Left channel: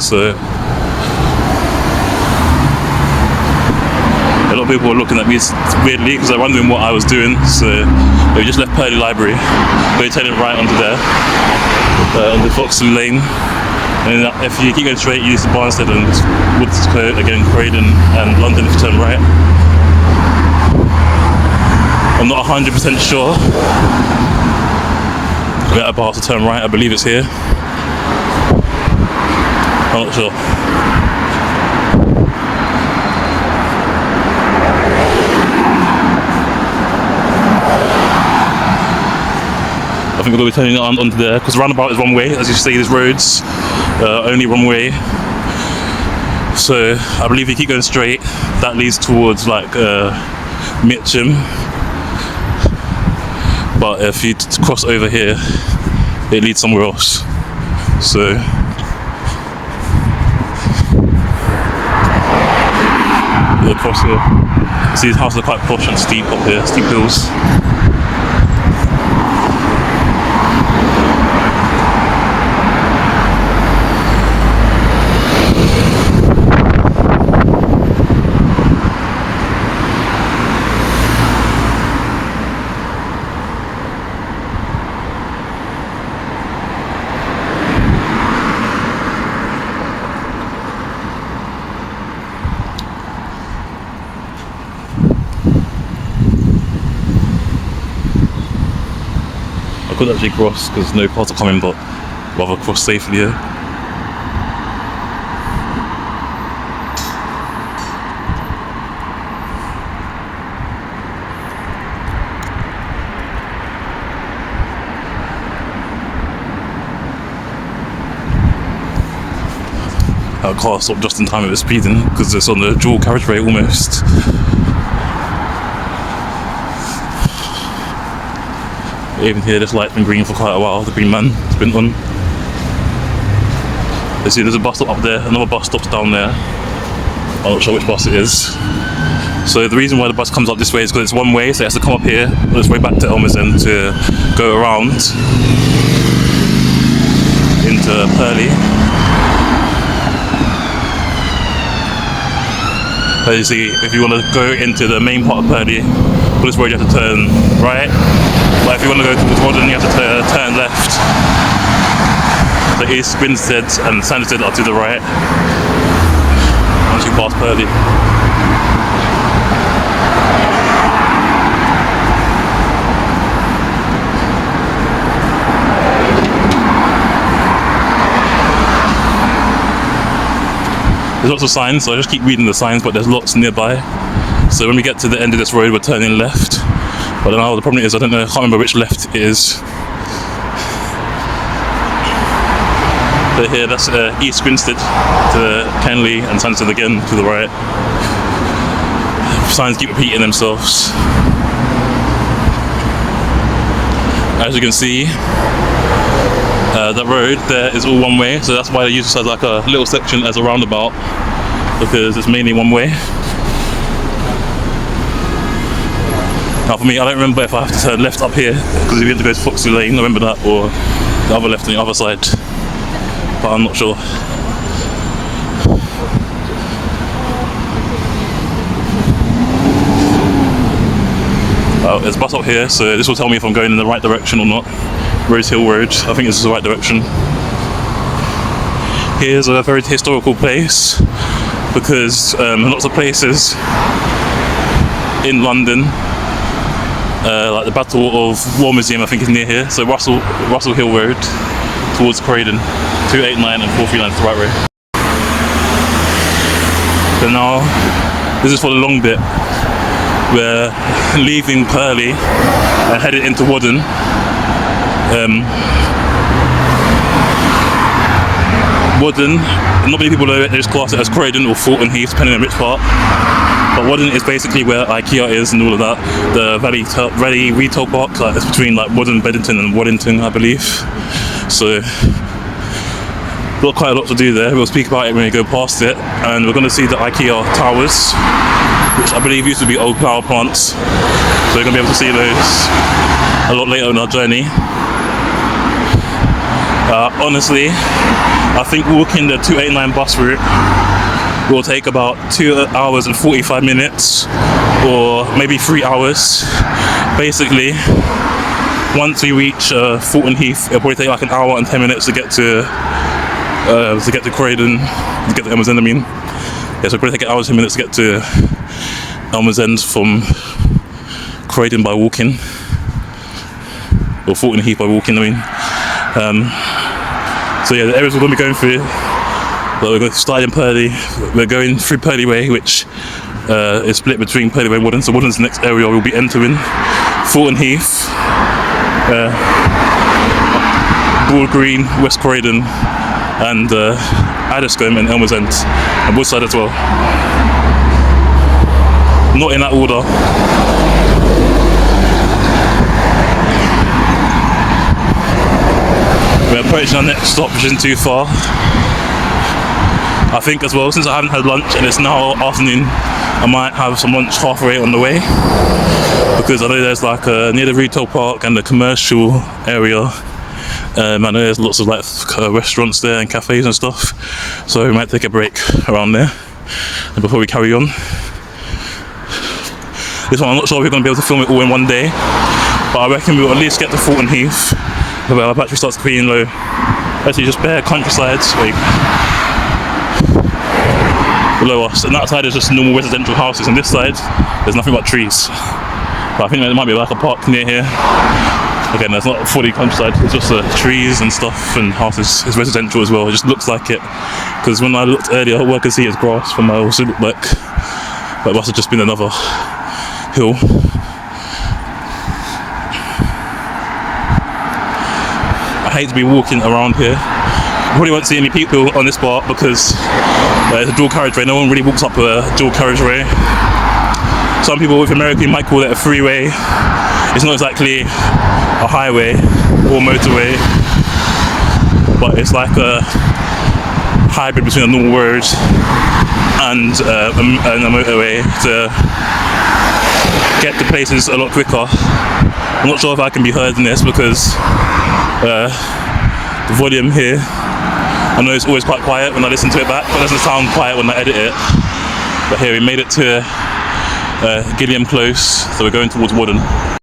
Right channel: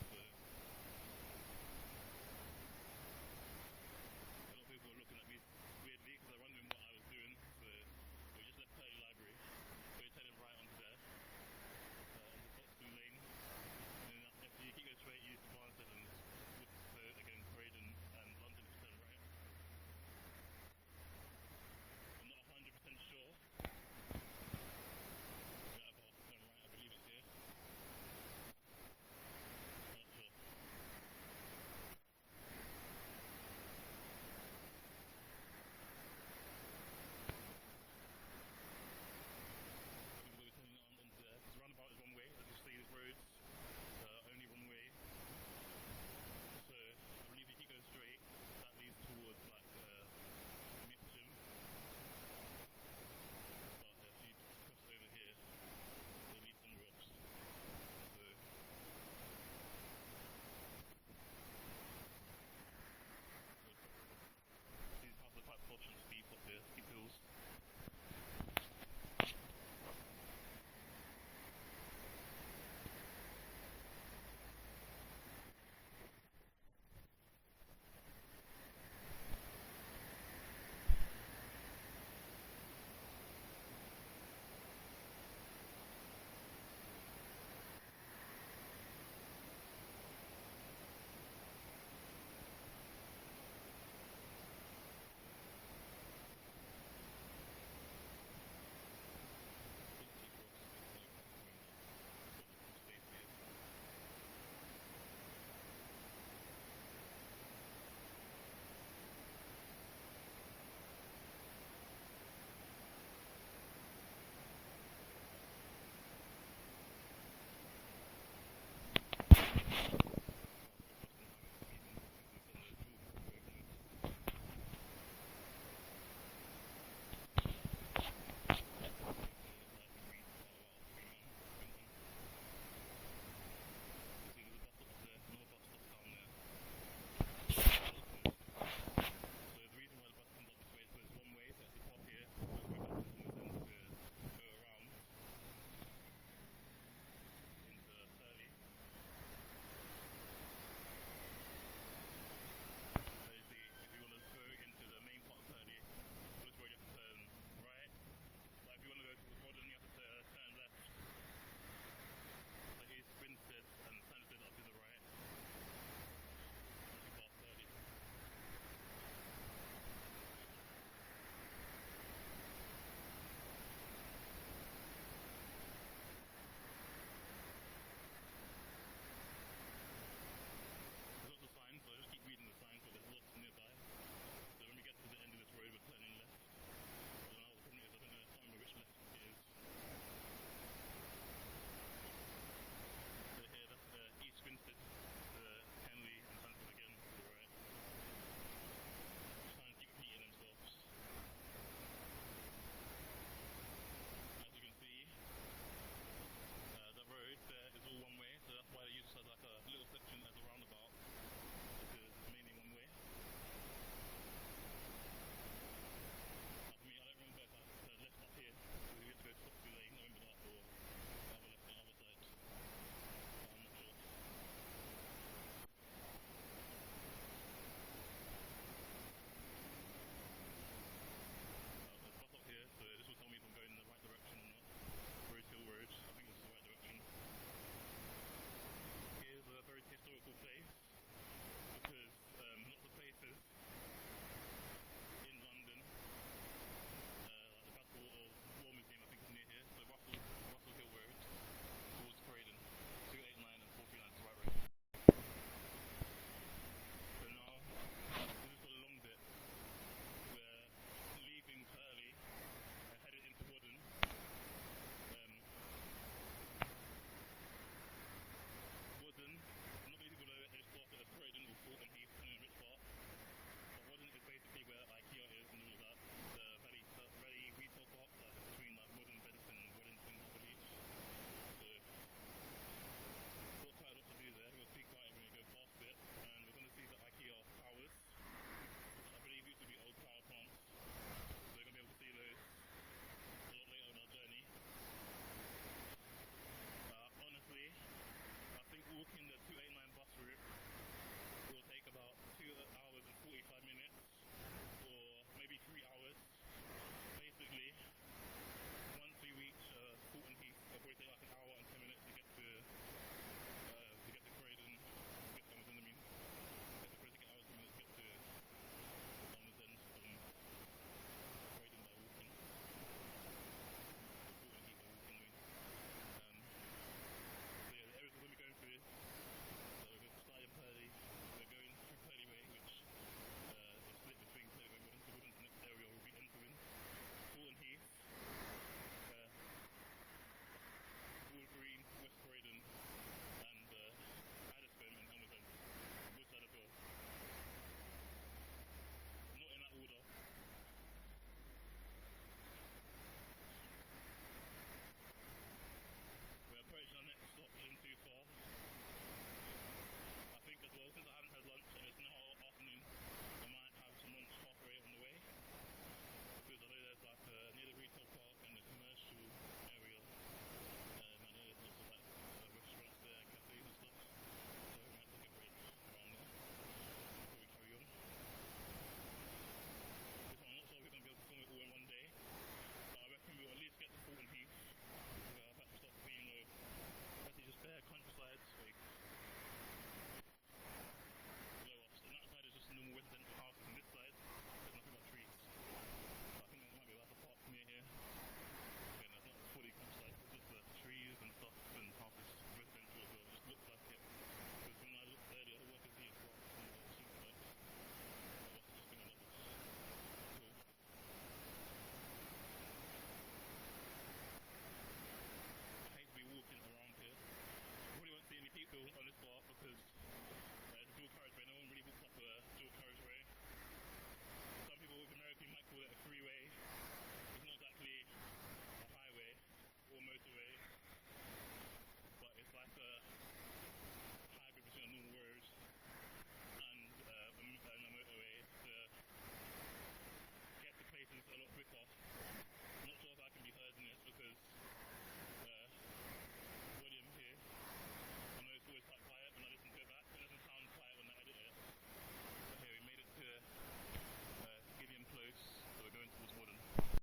So a lot of people were looking at me weirdly because I'm wondering what I was doing. So we just left Purley Library, we're turning right onto there, on the Foxley Lane. And if you keep going straight, you use Barnstead and Woodscote, again Croydon and London if you turn right. I'm not 100% sure where I'm about to turn right. I believe it's here. I'm not sure. I think we're going to be turning onto there because the roundabout is one way. As you see, these roads only one way. So I believe if you keep going straight, that leads towards like Mitcham. But if you cross over here, it leads somewhere else. So you'll cross here. See, these houses are quite posh and steep up here, steep hills. I couldn't actually cross because no cars are coming, but rather cross safely here. Our car stopped just in time it was speeding because it's on the dual carriageway almost. Even here, this light's been green for quite a while. The green man has been on. You see, there's a bus stop up there. Another bus stops down there. I'm not sure which bus it is. So the reason why the bus comes up this way is because it's one way, so it has to come up here on its way back to Elmsend to go around into Purley. As you see, if you want to go into the main part of Purley, for this road you have to turn right. But if you want to go towards Wodden, you have to turn left. So East Grinstead and Sanderstead are to the right once you pass Purley. There's lots of signs, so I just keep reading the signs, but there's lots nearby. So when we get to the end of this road, we're turning left. But now the problem is, I can't remember which left it is. So here, that's East Grinstead to Kenley and Sanderstead again to the right. Signs keep repeating themselves. As you can see, that road there is all one way, so that's why they use this as like a little section as a roundabout, because it's mainly one way. Now for me, I don't remember if I have to turn left up here, because if you have to go to Foxley Lane, I remember that, or the other left on the other side, but I'm not sure. There's a bus up here, so this will tell me if I'm going in the right direction or not. Rose Hill Road, I think this is the right direction. Here's a very historical place, because lots of places in London, like the Battle of War Museum I think is near here, so Russell Hill Road towards Croydon, 289 and 439 is the right way. So now, this is for the long bit. We're leaving Purley and headed into Wodden. Wodden, not many people know it, they just class it as Croydon or Fulton Heath, depending on which part. But Wodden is basically where IKEA is and all of that. The Valley Retail Park, like it's between like Wodden, Beddington and Waddington, I believe. So, got quite a lot to do there. We'll speak about it when we go past it. And we're going to see the IKEA towers, which I believe used to be old power plants. So we're going to be able to see those a lot later on our journey. Honestly, I think walking the 289 bus route will take about 2 hours and 45 minutes, or maybe 3 hours. Basically, once we reach Fulton Heath, it'll probably take like an hour and 10 minutes to get to Croydon, to get to Elmer's End. I mean, yeah, so it'll probably take an hour and 10 minutes to get to Elmer's End from Croydon by walking, or Fulton Heath by walking. I mean, so yeah, the areas we're going to be going through. But we're going to start in Purley. We're going through Purley Way, which is split between Purley Way and Woodlands. So Woodlands the next area we'll be entering. Fulton Heath, Broad Green, West Croydon, and Addiscombe and Elmer's End, and Woodside as well. Not in that order. We're approaching our next stop, which isn't too far. I think as well, since I haven't had lunch and it's now afternoon, I might have some lunch halfway on the way, because I know there's like near the retail park and the commercial area, I know there's lots of like restaurants there and cafes and stuff, so we might take a break around there and before we carry on. This one I'm not sure if we're going to be able to film it all in one day, but I reckon we'll at least get to Fulton Heath where our battery starts feeling low. Actually just bare countryside below us, and that side is just normal residential houses, and this side there's nothing but trees. But I think there might be like a park near here. Again, there's not fully countryside, it's just trees and stuff and houses. It's residential as well, it just looks like it, because when I looked earlier all I could see is grass from my also looked like it must have just been another hill. I hate to be walking around here. You probably won't see any people on this part because it's a dual carriageway. No one really walks up a dual carriageway. Some people with America might call it a freeway. It's not exactly a highway or motorway, but it's like a hybrid between a normal road and a motorway to get to places a lot quicker. I'm not sure if I can be heard in this because the volume here, I know it's always quite quiet when I listen to it back, but it doesn't sound quiet when I edit it. But here we made it to Gilliam Close, so we're going towards Wooden.